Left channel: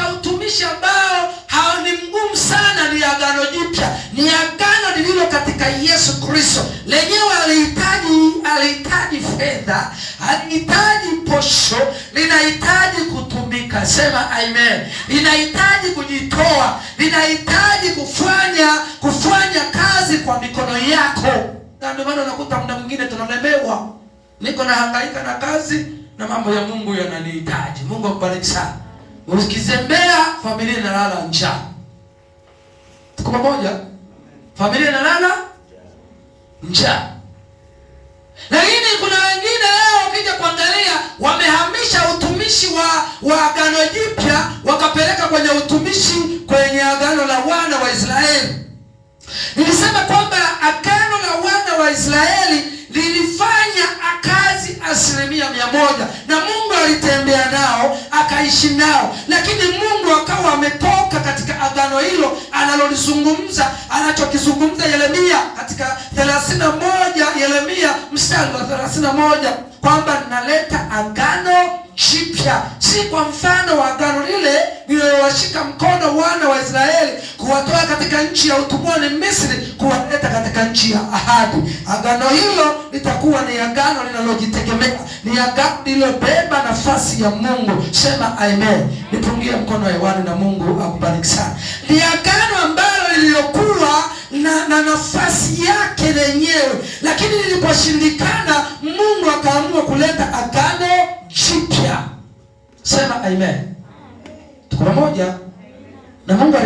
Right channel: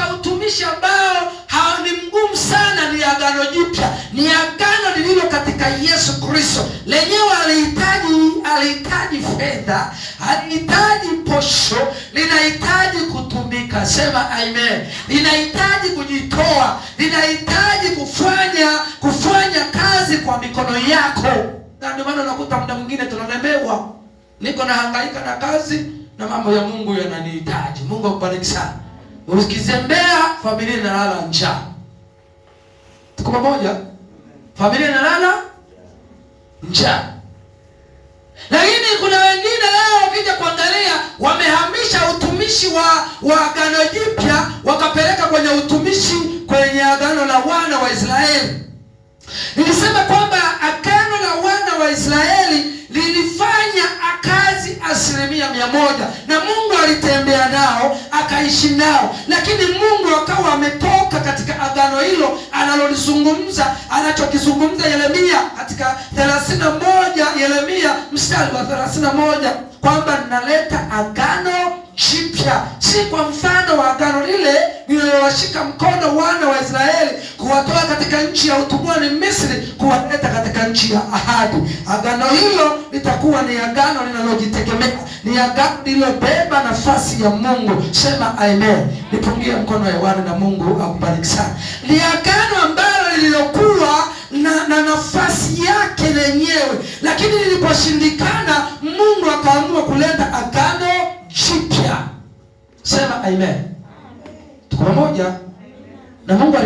katika utumishi ambao ni mgumu sana ni Agano Jipya. Ni agano lililo katika Yesu Kristo. Lenyewe alihitaji fedha, alihitaji posho, linahitaji kutumika. Sema amen. Linahitaji kujitoa, linahitaji kufanya kazi kwa mikono yako. Na ndio maana unakuta muda mwingine tunalemewa. Niko na hangaika na kazi na mambo ya Mungu yananihitaji. Mungu akubariki sana. Ukizembea familia inalala njaa. Tuko pamoja? Familia inalala njaa. Lakini kuna wengine leo ukija kuangalia wamehamisha utumishi wa Agano Jipya wakapeleka kwenye utumishi kwenye agano la wana wa Israeli. Nilisema kwamba agano la wana wa Israeli lilifanya kazi 100%, na Mungu alitembea nao, akaishi nao. Lakini Mungu akawa ametoka katika agano hilo analolizungumza, anachokizungumza Yeremia katika 31, Yeremia mstari wa 31, kwamba naleta agano jipya, si kwa mfano wa agano lile lililowashika mkono wana wa Israeli kuwatoa katika nchi ya utumwani Misri kuwaleta katika nchi ya ahadi. Agano hilo litakuwa ni agano linalojitegemea, ni agano lililobeba nafasi ya Mungu. Sema amen. Nipungie mkono hewani na Mungu akubariki sana. Ni agano ambalo lililokuwa na nafasi yake lenyewe, lakini liliposhindikana Mungu akaamua kuleta agano jipya. Sema amen. Tuko pamoja? Na Mungu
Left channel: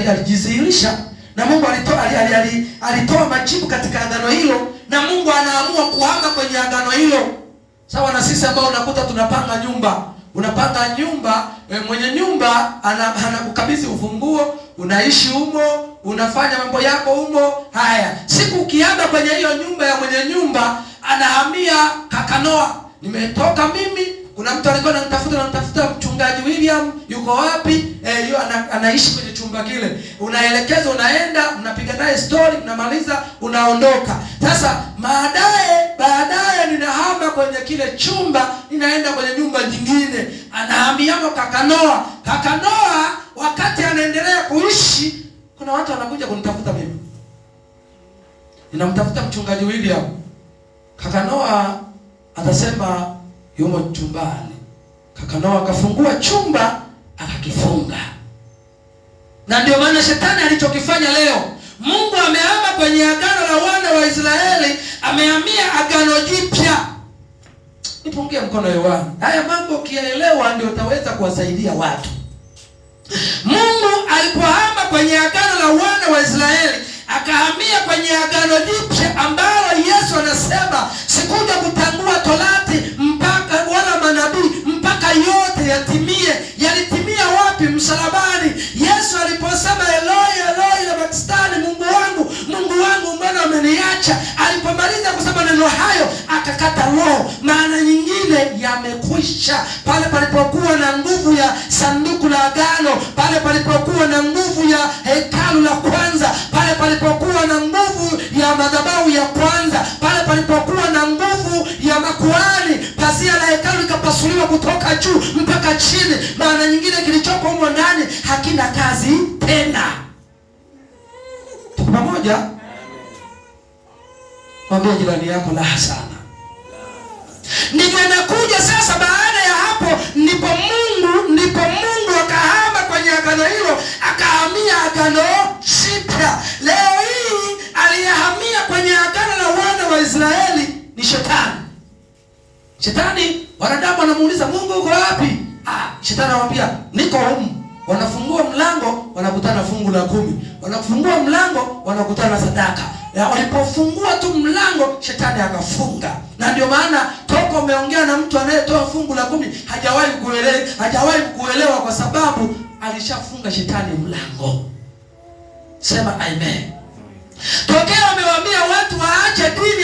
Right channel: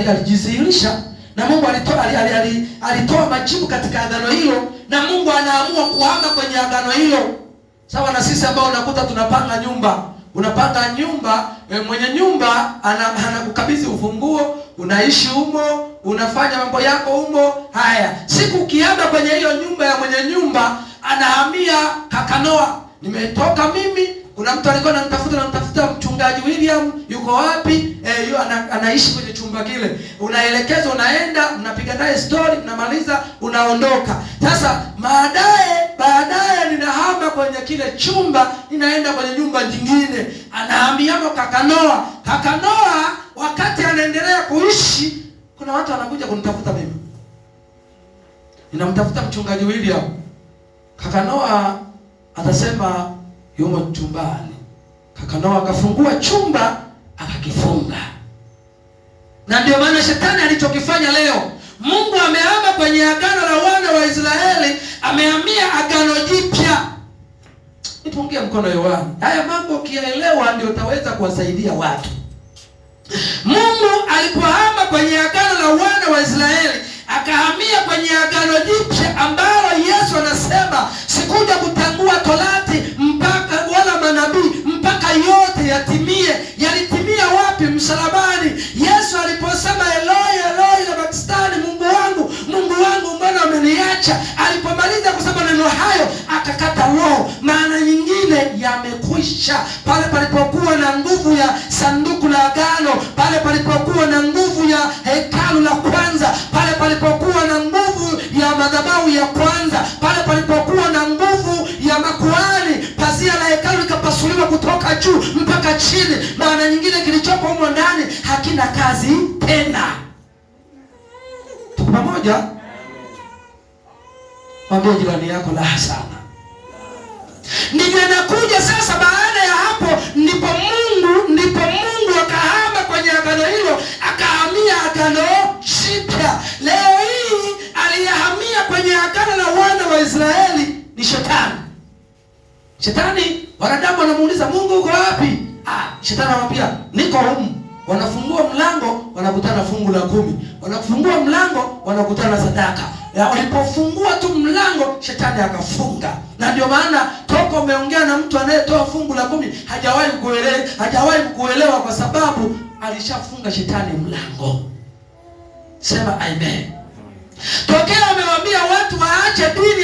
alijidhihirisha, na Mungu alitoa majibu katika agano hilo, na Mungu anaamua kuhama kwenye agano hilo. Sawa na sisi ambao unakuta tunapanga nyumba. Unapanga nyumba, mwenye nyumba anakukabidhi ufunguo, unaishi humo, unafanya mambo yako humo. Haya, siku ukienda kwenye hiyo nyumba ya mwenye nyumba, anahamia Kakanoa. Nimetoka mimi, kuna mtu alikuwa ananitafuta mchungaji William, yuko wapi? Anaishi kwenye chumba kile. Unaelekezwa, unaenda, mnapiga naye story, mnamaliza, unaondoka. Sasa baadaye ninahama kwenye kile chumba, ninaenda kwenye nyumba nyingine. Anahamiamo Kakanoa. Kakanoa wakati anaendelea kuishi, kuna watu wanakuja kunitafuta mimi. Ninamtafuta mchungaji William. Kakanoa atasema yumo chumbani. Kakanoa akafungua chumba, akakifunga. Na ndio maana shetani alichokifanya leo, Mungu amehama kwenye agano la wana wa Israeli, amehamia agano jipya. Nipungie mkono hewani. Haya mambo ukielewa ndio utaweza kuwasaidia watu. Mungu alipohama kwenye agano la wana wa Israeli, akahamia kwenye agano jipya ambalo Yesu anasema sikuja kutangua Torati mpaka wala manabii mpaka yote yatimie. Yalitimia wapi? Msalabani. Yesu aliposema Eloi Eloi lama sabachthani, Mungu wangu mbona umeniacha? Alipomaliza kusema neno hayo akakata roho. Maana nyingine yamekwisha. Pale palipokuwa na nguvu ya sanduku la agano, pale palipokuwa na nguvu ya hekalu la kwanza, pale palipokuwa na nguvu ya madhabahu ya kwanza, pale palipokuwa na nguvu ya makuhani, pazia la hekalu likapasuliwa kutoka juu mpaka chini. Maana nyingine kilichopo humo ndani hakina kazi tena. Tuko pamoja? Mwambie jirani yako la sana. Ndivyo nakuja sasa. Baada ya hapo ndipo Mungu akahama kwenye agano hilo, akahamia agano jipya. Leo hii aliyehamia kwenye agano la wana wa Israeli ni shetani. Shetani, wanadamu wanamuuliza Mungu uko wapi? Shetani anamwambia niko humu. Wanafungua mlango, wanakutana fungu la 10. Wanafungua mlango, wanakutana sadaka. Walipofungua tu mlango, shetani akafunga. Na ndio maana toka umeongea na mtu anayetoa fungu la 10 hajawahi kuelewa kwa sababu alishafunga shetani mlango. Sema amen. Tokea amewaambia watu waache dini,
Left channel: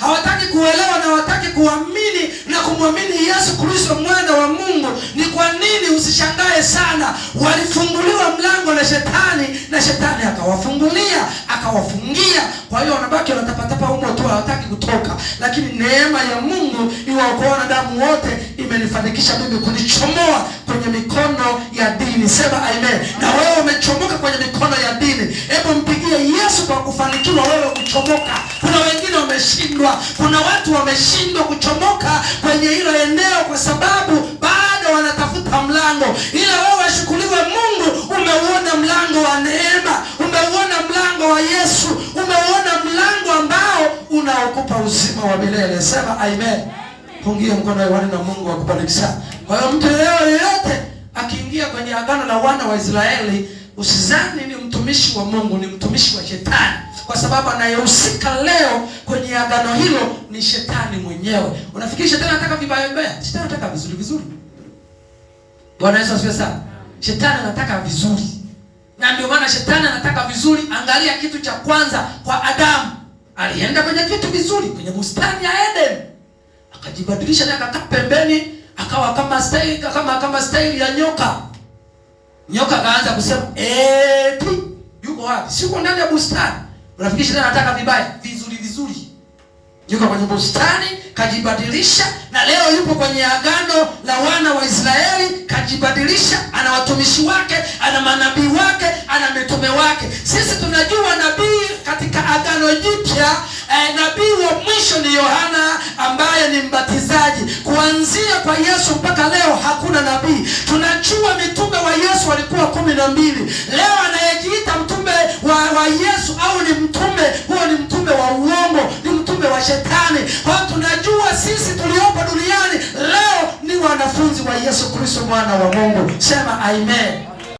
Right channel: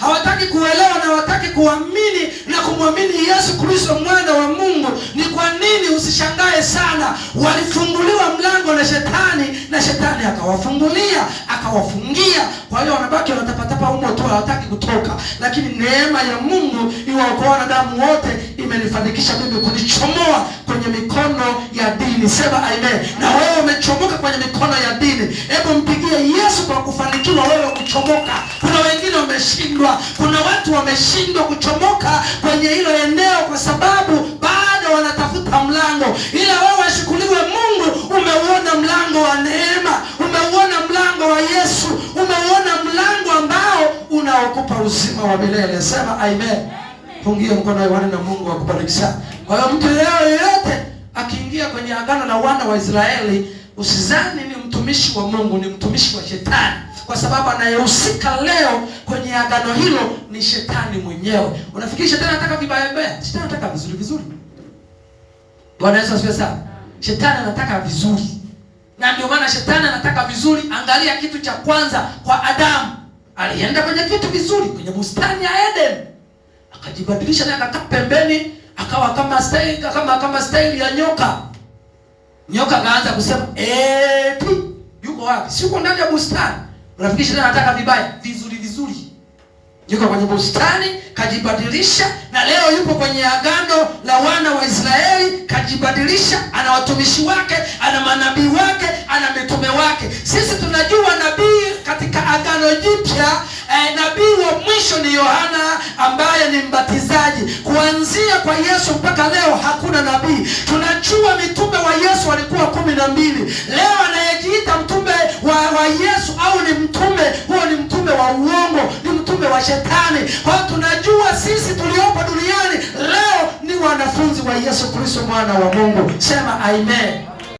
hawataki kuelewa na hawataki kuamini na kumwamini Yesu Kristo mwana wa Mungu. Ni kwa nini? Usishangae sana. Walifunguliwa mlango na yule shetani, na shetani akawafungulia, akawafungia. Kwa hiyo wanabaki wanatapatapa humo tu, hawataki kutoka. Lakini neema ya Mungu iwaokoa wanadamu wote imenifanikisha mimi kunichomoa kwenye mikono ya dini. Sema amen. Na wewe umechomoka kwenye mikono ya dini. Hebu mpigie Yesu kwa kufanikiwa wewe kuchomoka. Kuna wengine wameshindwa, kuna watu wameshindwa kuchomoka kwenye hilo eneo kwa sababu bado wanatafuta mlango. Ila wewe ashukuriwe Mungu, umeuona mlango wa neema, umeuona mlango wa Yesu, umeuona mlango ambao unaokupa uzima wa milele. Sema amen. Pungia mkono hewani na Mungu akubariki sana. Kwa hiyo mtu yeyote akiingia kwenye agano la wana wa Israeli, usizani ni mtumishi wa Mungu, ni mtumishi wa shetani. Kwa sababu anayehusika leo kwenye agano hilo ni shetani mwenyewe. Unafikiri shetani anataka vibaya vibaya? Shetani anataka vizuri vizuri. Bwana Yesu asifiwe sana. Shetani anataka vizuri. Na ndio maana shetani anataka vizuri. Angalia kitu cha kwanza kwa Adamu. Alienda kwenye kitu vizuri, kwenye bustani ya Eden. Akajibadilisha na akakaa pembeni, akawa kama style ya nyoka. Nyoka kaanza kusema, yuko wapi? Siko ndani ya bustani. Unafikiri shetani anataka vibaya? Vizuri vizuri. Yuko kwenye bustani, kajibadilisha, na leo yupo kwenye agano la wana wa Israeli, kajibadilisha, ana watumishi wake, ana manabii wake, ana mitume wake. Sisi tunajua nabii katika agano jipya, nabii wa mwisho ni Yohana ambaye ni mbatizaji. Kuanzia kwa Yesu mpaka leo hakuna nabii. Tunajua mitume wa Yesu walikuwa 12. Leo anayejiita mtume wa Yesu au ni mtume, huo ni mtume wa uongo, ni mtume wa shetani. Kwa tunajua sisi tuliopo duniani leo ni wanafunzi wa Yesu Kristo mwana wa Mungu. Sema amen.